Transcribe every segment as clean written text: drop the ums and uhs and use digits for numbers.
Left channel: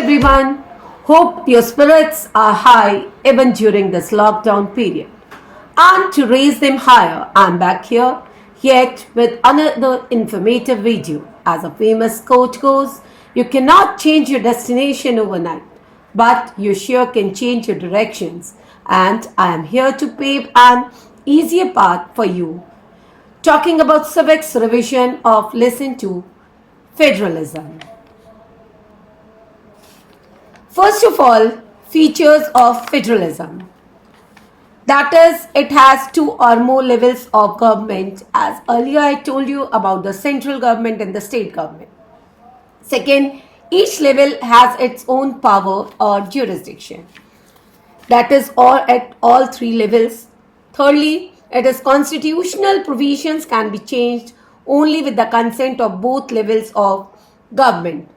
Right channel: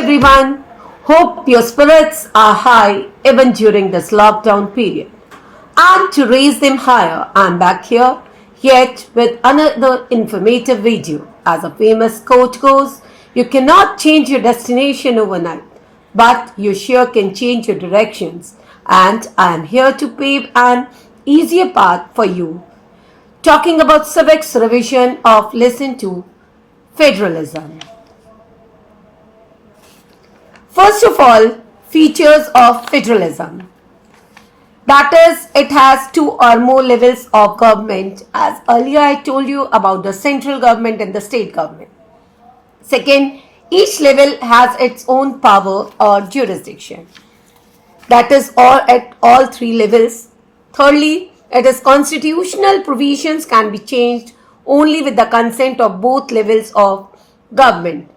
everyone. Hope your spirits are high even during this lockdown period. And to raise them higher, I'm back here yet with another informative video. As a famous quote goes, you cannot change your destination overnight, but you sure can change your directions. And I am here to pave an easier path for you. Talking about civics revision of Lesson 2, Federalism. First of all, features of federalism. That is, it has two or more levels of government, as earlier I told you about the central government and the state government. Second, each level has its own power or jurisdiction. That is all at all three levels. Thirdly, it is constitutional provisions can be changed only with the consent of both levels of government.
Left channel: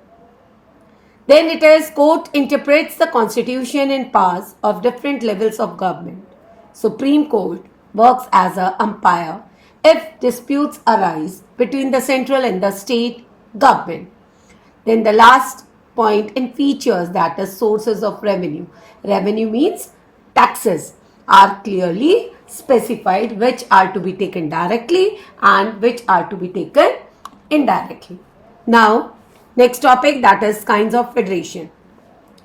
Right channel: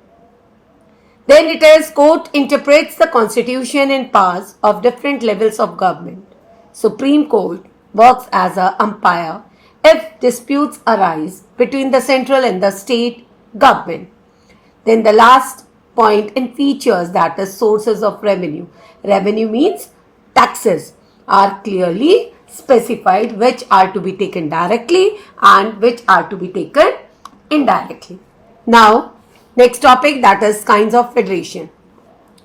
Then it is court interprets the constitution and powers of different levels of government. Supreme Court works as an umpire if disputes arise between the central and the state government. Then the last point in features, that is sources of revenue. Revenue means taxes are clearly specified which are to be taken directly and which are to be taken indirectly. Now, next topic, that is kinds of federation.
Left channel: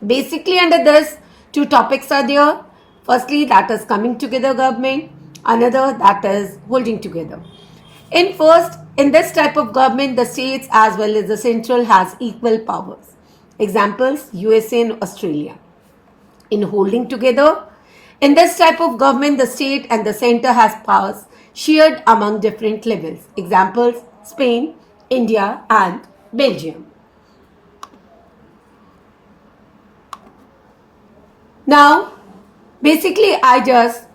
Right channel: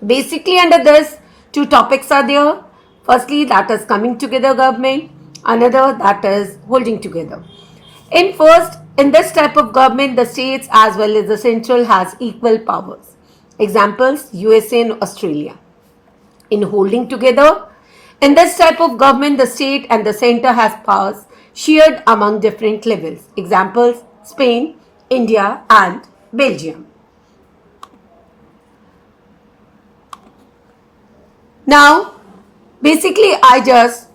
Basically under this, two topics are there. Firstly, that is coming together government. Another, that is holding together. In this type of government, the states as well as the central has equal powers. Examples, USA and Australia. In holding together, in this type of government, the state and the center has powers shared among different levels. Examples, Spain, India and Belgium. Now, basically, I just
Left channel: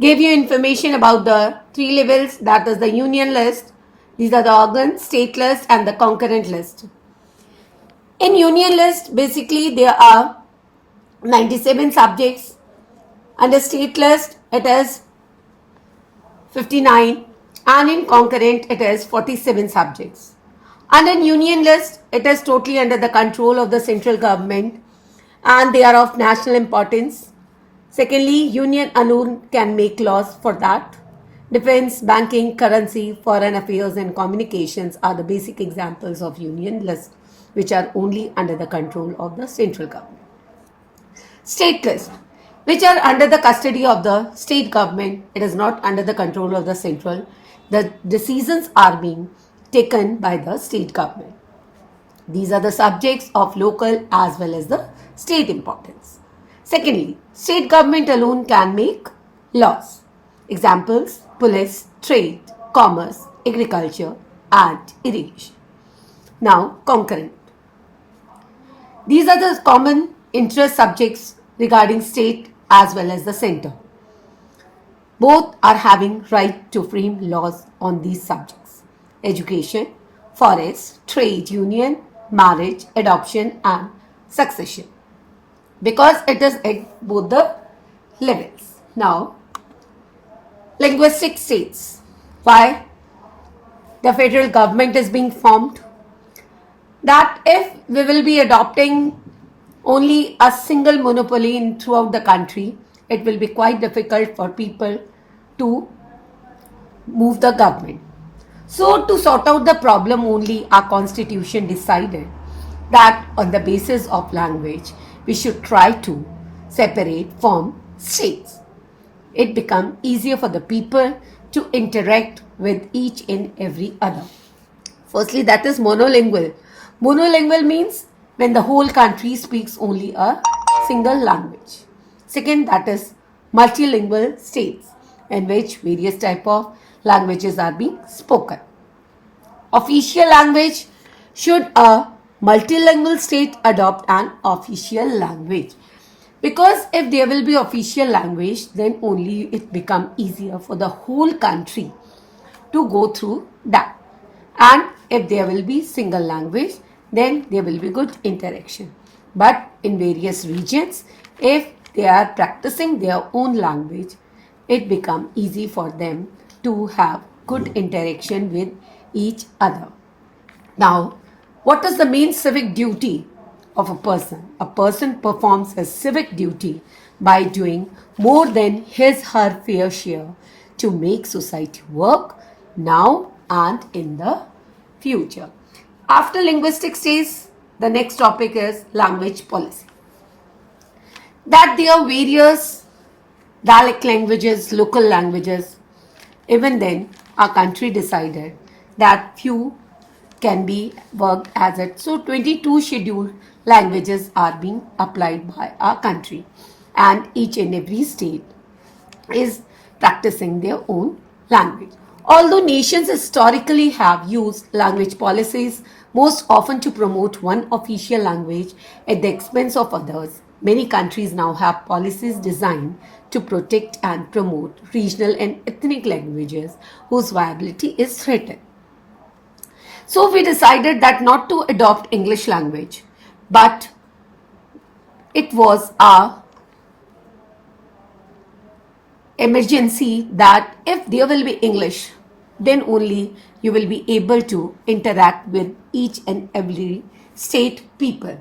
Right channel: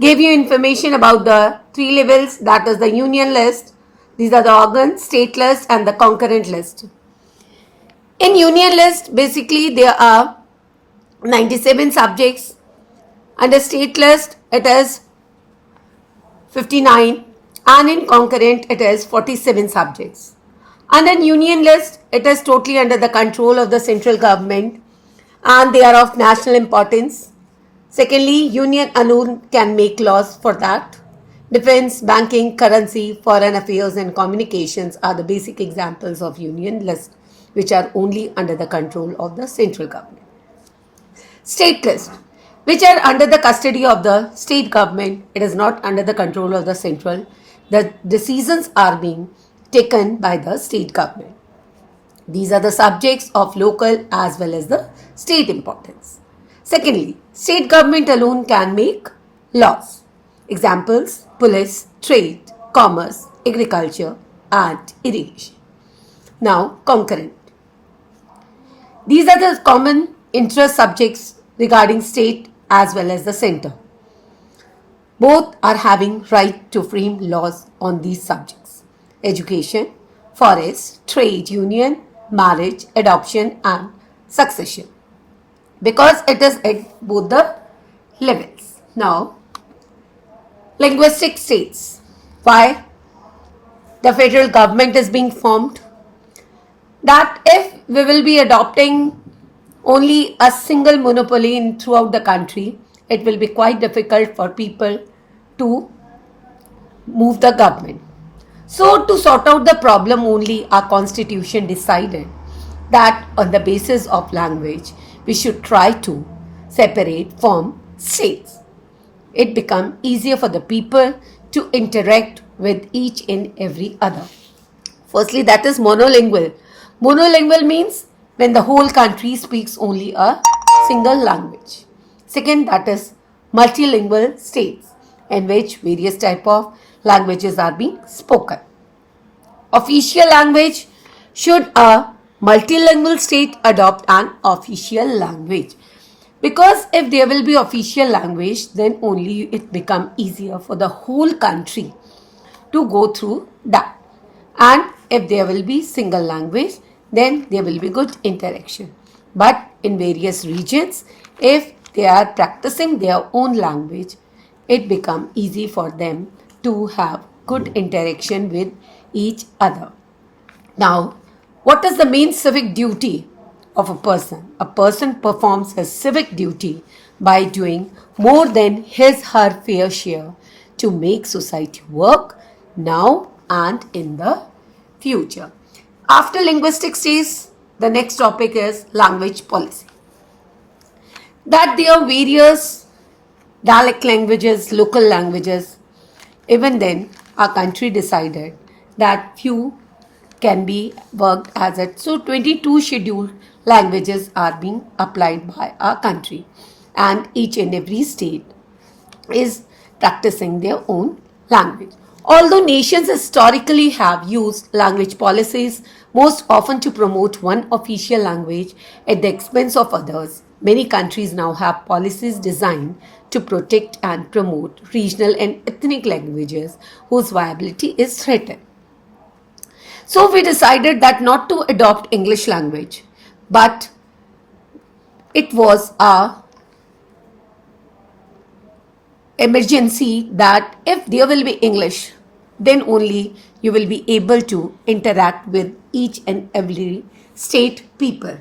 gave you information about the three levels, that is the union list. These are the organ, state list and the concurrent list. In union list, basically there are 97 subjects. Under state list, it is 59 and in concurrent, it is 47 subjects. Under union list, it is totally under the control of the central government and they are of national importance. Secondly, union alone can make laws for that. Defense, banking, currency, foreign affairs and communications are the basic examples of union list which are only under the control of the central government. State list, which are under the custody of the state government. It is not under the control of the central. The decisions are being taken by the state government. These are the subjects of local as well as the state importance. Secondly, state government alone can make laws. Examples, police, trade, commerce, agriculture and irrigation. Now, concurrent. These are the common interest subjects regarding state as well as the center. Both are having right to frame laws on these subjects. Education, forest, trade union, marriage, adoption and succession. Because it is at both the levels. Now, linguistic states. Why the federal government is being formed? That if we will be adopting only a single monopoly throughout the country, it will be quite difficult for people to move the government. So to sort out the problem, only our constitution decided that on the basis of language, we should try to separate from states. It becomes easier for the people to interact with each and every other. Firstly, that is monolingual. Monolingual means when the whole country speaks only a single language. Second, that is multilingual states in which various type of languages are being spoken. Official language, should a multilingual state adopt an official language? Because if there will be official language, then only it become easier for the whole country to go through that. And if there will be single language, then there will be good interaction. But in various regions, if they are practicing their own language, it becomes easy for them to have good interaction with each other. Now, what is the main civic duty of a person. A person performs his civic duty by doing more than his her fair share to make society work now and in the future. After linguistic stage, the next topic is language policy. That there are various dialect languages, local languages. Even then, our country decided that few can be worked as it. So 22 scheduled languages are being applied by our country, and each and every state is practicing their own language. Although nations historically have used language policies most often to promote one official language at the expense of others, many countries now have policies designed to protect and promote regional and ethnic languages whose viability is threatened. So we decided that not to adopt English language, but it was a emergency that if there will be English, then only you will be able to interact with each and every state people.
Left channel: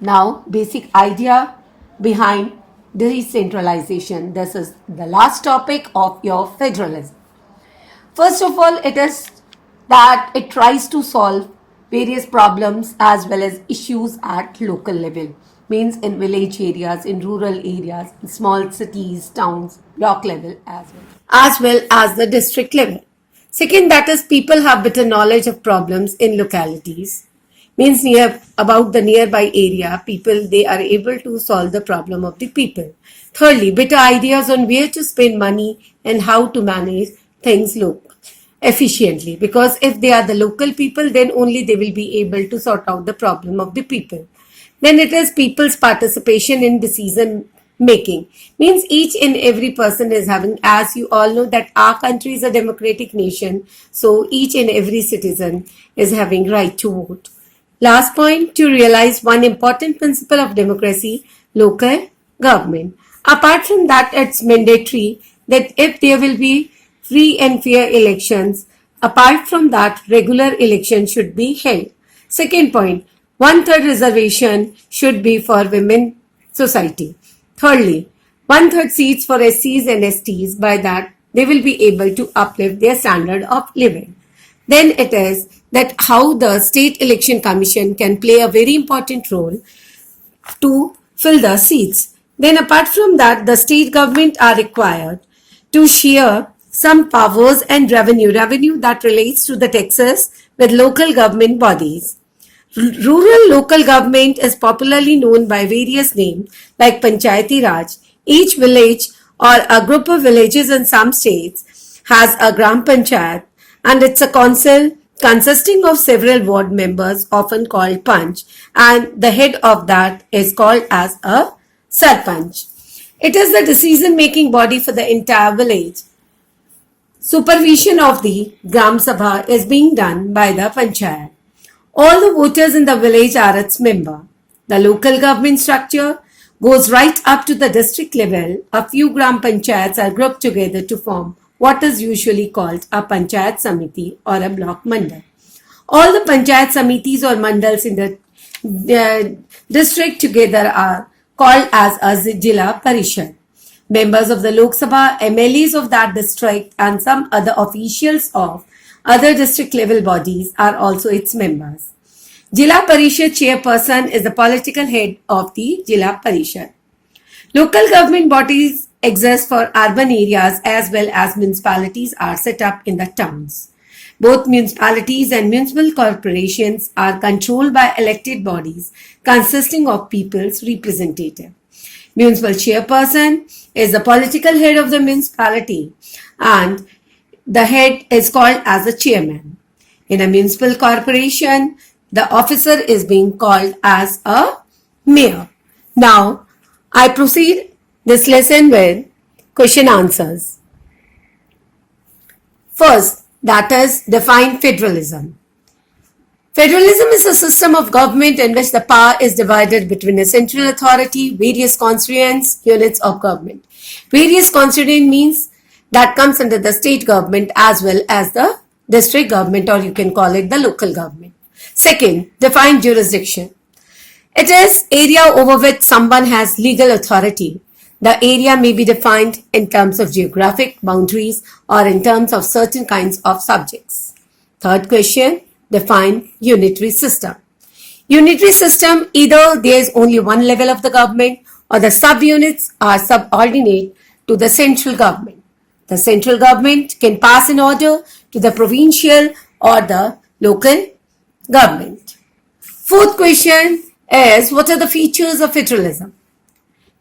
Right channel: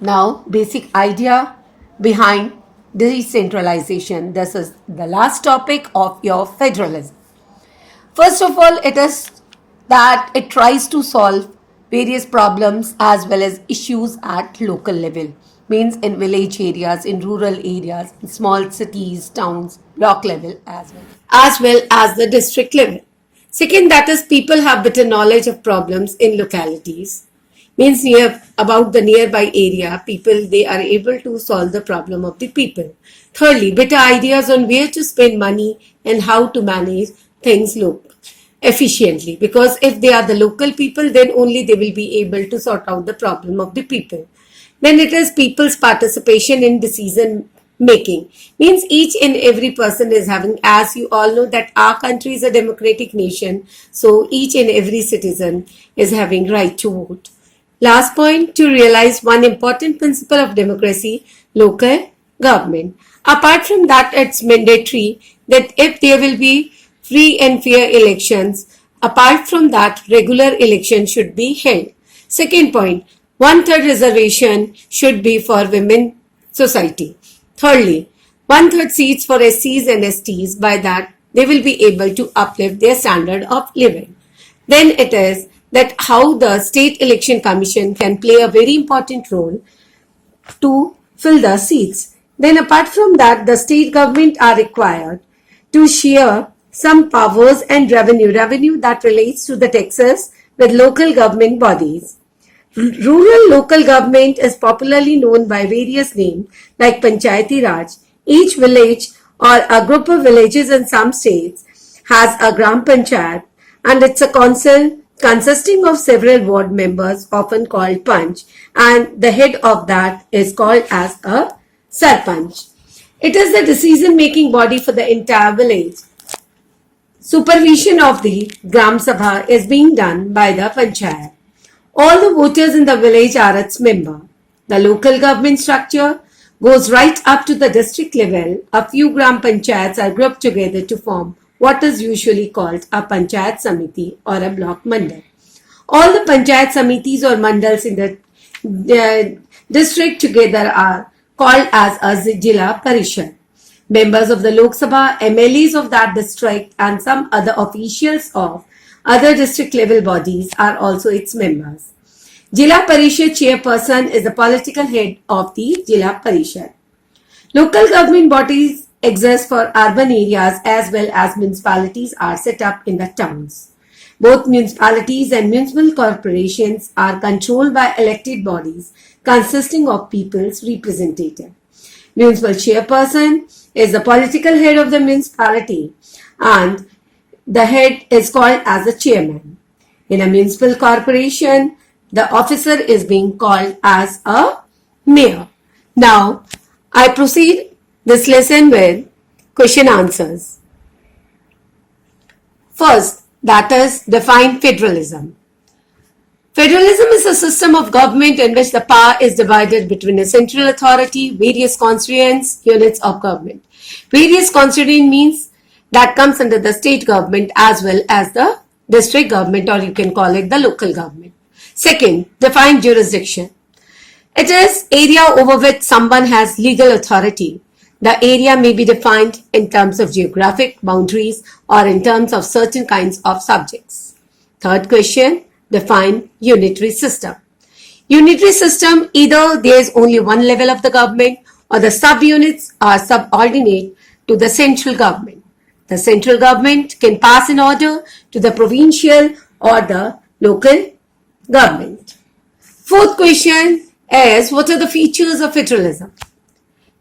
Now, basic idea behind decentralization. This is the last topic of your federalism. First of all, it is that it tries to solve various problems as well as issues at local level. Means in village areas, in rural areas, in small cities, towns, block level as well as the district level. Second, that is people have better knowledge of problems in localities. Means about the nearby area, people, they are able to solve the problem of the people. Thirdly, better ideas on where to spend money and how to manage things efficiently. Because if they are the local people, then only they will be able to sort out the problem of the people. Then it is people's participation in decision making. Means each and every person is having, as you all know, that our country is a democratic nation. So each and every citizen is having right to vote. Last point, to realize one important principle of democracy, local government. Apart from that, it's mandatory that if there will be free and fair elections, apart from that, regular elections should be held. Second point, 1/3 reservation should be for women society. Thirdly, 1/3 seats for SCs and STs. By that, they will be able to uplift their standard of living. Then it is that how the State Election Commission can play a very important role to fill the seats. Then apart from that, the state government are required to share some powers and revenue that relates to the taxes with local government bodies. Rural local government is popularly known by various names like Panchayati Raj. Each village or a group of villages in some states has a Gram Panchayat, and it's a council consisting of several ward members, often called Panch, and the head of that is called as a Sarpanch. It is the decision-making body for the entire village. Supervision of the Gram Sabha is being done by the Panchayat. All the voters in the village are its member. The local government structure goes right up to the district level. A few Gram Panchayats are grouped together to form what is usually called a Panchayat Samiti or a block mandal. All the Panchayat Samitis or mandals in the district together are called as a Jila Parishad. Members of the Lok Sabha, MLAs of that district and some other officials of other district level bodies are also its members. Jila Parishad chairperson is the political head of the Jila Parishad. Local government bodies exist for urban areas as well as municipalities are set up in the towns. Both municipalities and municipal corporations are controlled by elected bodies consisting of people's representative. Municipal chairperson is the political head of the municipality and the head is called as a chairman. In a municipal corporation, the officer is being called as a mayor. Now, I proceed this lesson with question answers. First, that is define federalism. Federalism is a system of government in which the power is divided between a central authority, various constituent units of government. Various constituent means that comes under the state government as well as the district government, or you can call it the local government. Second, define jurisdiction. It is area over which someone has legal authority. The area may be defined in terms of geographic boundaries or in terms of certain kinds of subjects. Third question, define unitary system. Unitary system, either there is only one level of the government or the subunits are subordinate to the central government. The central government can pass an order to the provincial or the local government. Fourth question is, what are the features of federalism?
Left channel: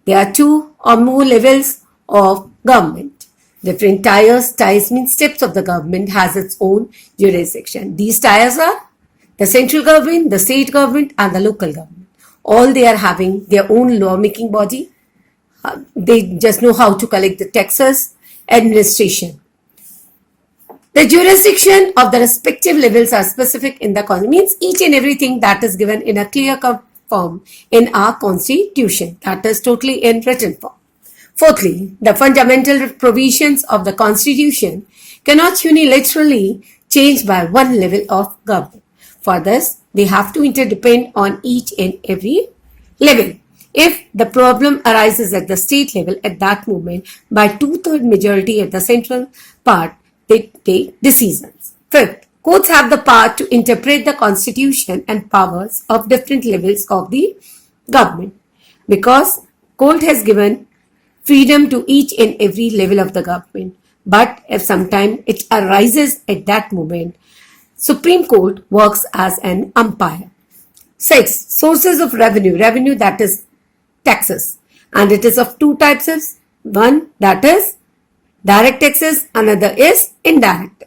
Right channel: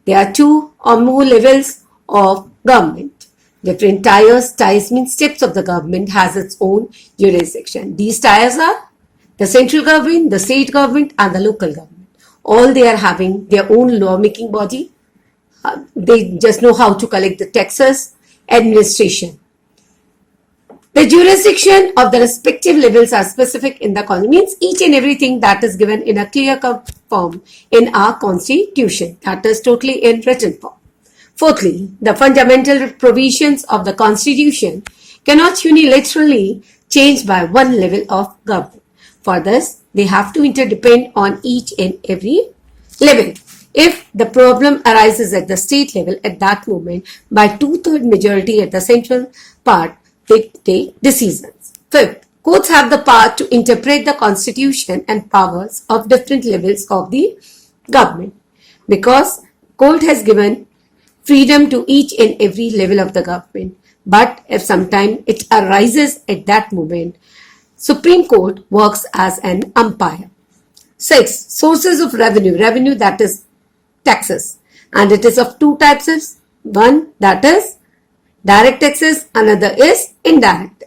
There are two or more levels of government. Different tiers mean steps of the government has its own jurisdiction. These tiers are the central government, the state government and the local government. All they are having their own lawmaking body. They just know how to collect the taxes, administration. The jurisdiction of the respective levels are specific in the constitution, means each and everything that is given in a clear-cut form in our constitution, that is totally in written form. Fourthly, the fundamental provisions of the constitution cannot unilaterally change by one level of government. For this, they have to interdepend on each and every level. If the problem arises at the state level at that moment, by two-thirds majority at the central part, they take decisions. Fifth, courts have the power to interpret the constitution and powers of different levels of the government, because court has given freedom to each and every level of the government. But if sometime it arises at that moment, Supreme Court works as an umpire. Six, sources of revenue. Revenue, that is taxes. And it is of two types. One, that is direct taxes, another is indirect.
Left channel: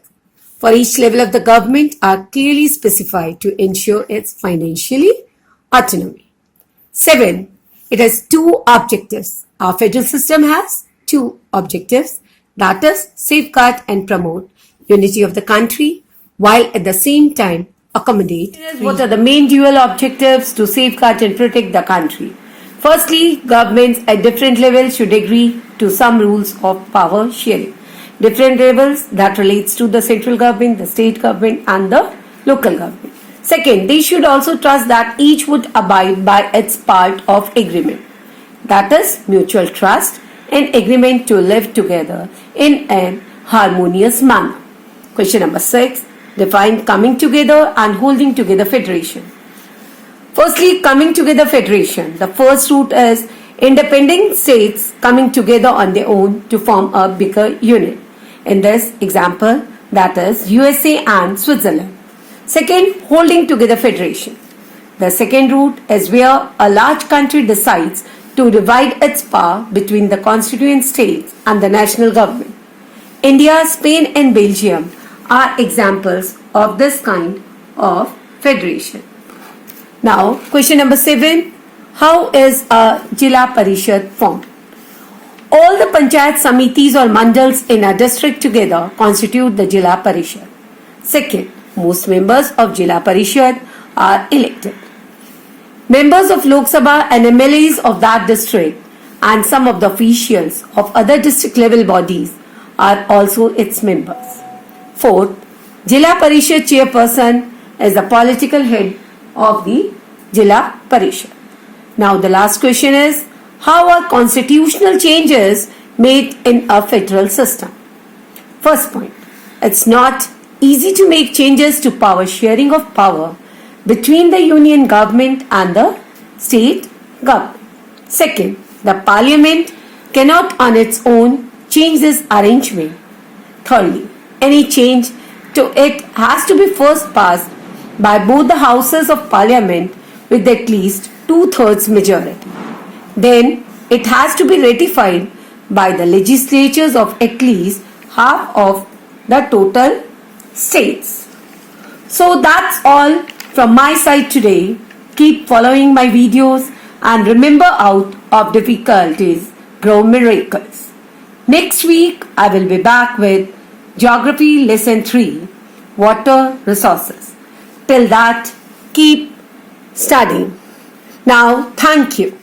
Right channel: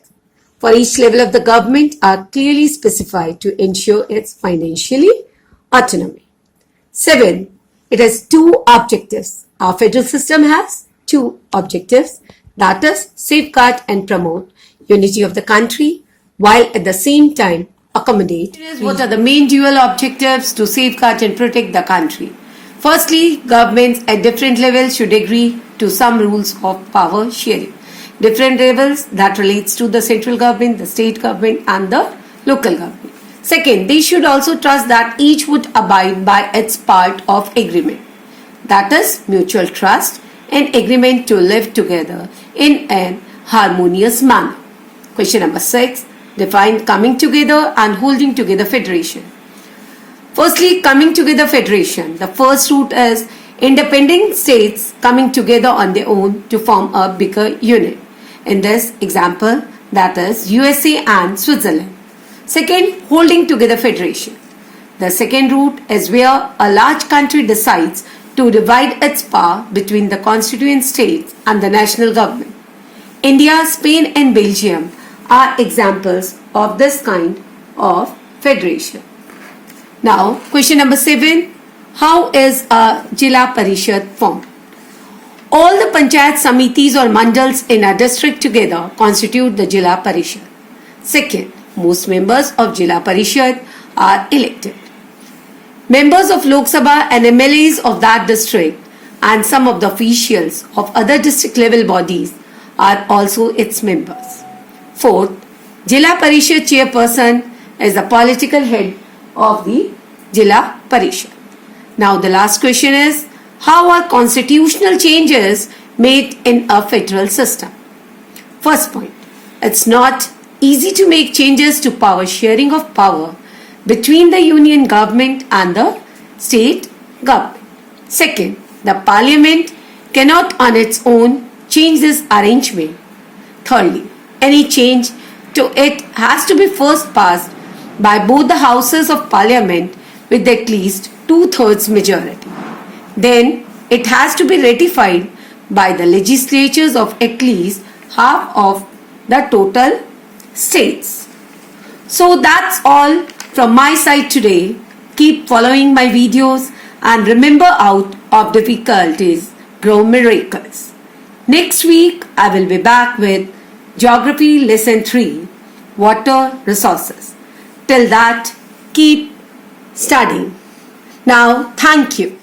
For each level of the government are clearly specified to ensure its financially autonomy. 7. It has two objectives. Our federal system has two objectives, that is safeguard and promote unity of the country while at the same time accommodate. What are the main dual objectives to safeguard and protect the country? Firstly, governments at different levels should agree to some rules of power sharing. Different levels that relates to the central government, the state government and the local government. Second, they should also trust that each would abide by its part of agreement. That is mutual trust and agreement to live together in an harmonious manner. Question number 6. Define coming together and holding together federation. Firstly, coming together federation. The first route is independent states coming together on their own to form a bigger unit. In this example, that is USA and Switzerland. Second, holding together federation. The second route is where a large country decides to divide its power between the constituent states and the national government. India, Spain and Belgium are examples of this kind of federation. Now, question number 7. How is a Jila Parishad formed? All the Panchayat Samitis or Mandals in a district together constitute the Jila Parishad. Second, most members of Jila Parishad are elected. Members of Lok Sabha and MLAs of that district and some of the officials of other district level bodies are also its members. Fourth, Jila Parishad chairperson is the political head of the Jila Parishad. Now the last question is, how are constitutional changes made in a federal system? First point, it's not easy to make changes to power sharing of power between the union government and the state government. Second, the parliament cannot on its own change this arrangement. Thirdly, any change to it has to be first passed by both the houses of parliament with at least 2/3 majority. Then it has to be ratified by the legislatures of at least half of the total states. So that's all from my side today. Keep following my videos and remember, out of difficulties grow miracles. Next week I will be back with Geography Lesson 3, Water Resources. Till that, keep studying. Now, thank you.